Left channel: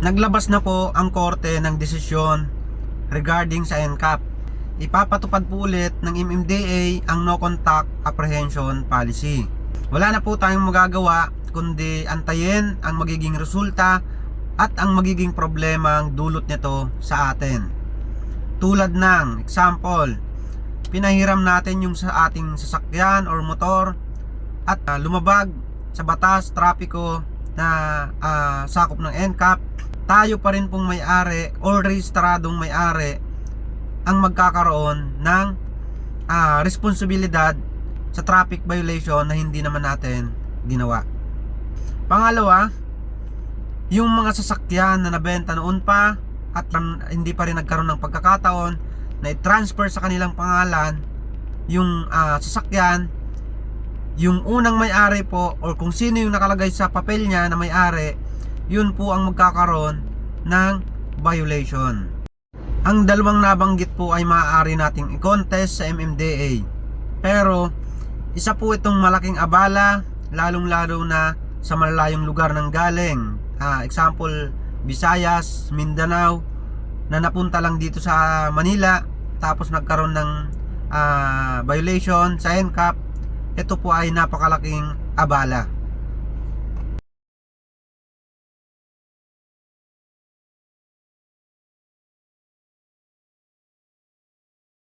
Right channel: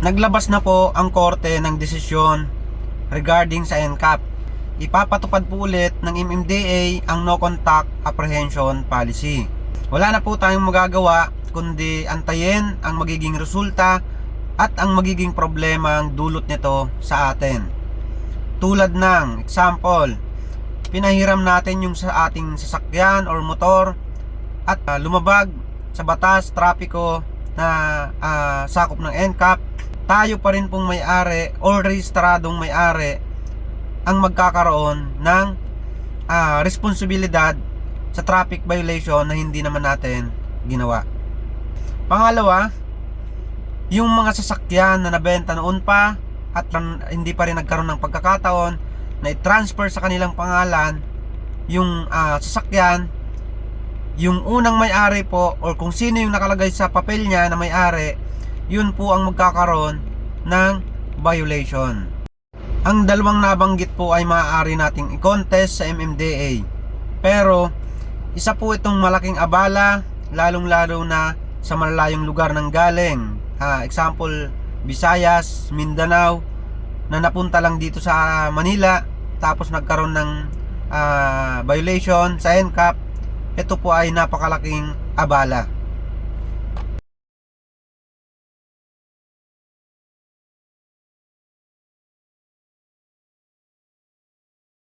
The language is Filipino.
Naglabas na po ang korte ng desisyon regarding sa NCAP. Ipapatupad po ulit ng MMDA ang no contact apprehension policy. Wala na po tayong magagawa kundi antayin ang magiging resulta at ang magiging problema ang dulot nito sa atin. Tulad ng example, pinahiram natin yung sa ating sasakyan or motor at lumabag sa batas trapiko na sakop ng NCAP. Tayo pa rin pong may-ari or rehistradong may-ari ang magkakaroon ng responsibilidad sa traffic violation na hindi naman natin ginawa. Pangalawa, yung mga sasakyan na nabenta noon pa at hindi pa rin nagkaroon ng pagkakataon na i-transfer sa kanilang pangalan yung sasakyan, yung unang may-ari po or kung sino yung nakalagay sa papel niya na may-ari, yun po ang magkakaroon ng violation. Ang dalawang nabanggit po ay maaari nating i-contest sa MMDA. Pero isa po itong malaking abala, lalong-lalo na sa malalayong lugar ng galing. Example, Visayas, Mindanao, na napunta lang dito sa Manila tapos nagkaroon ng violation sa NCAP. Ito po ay napakalaking abala.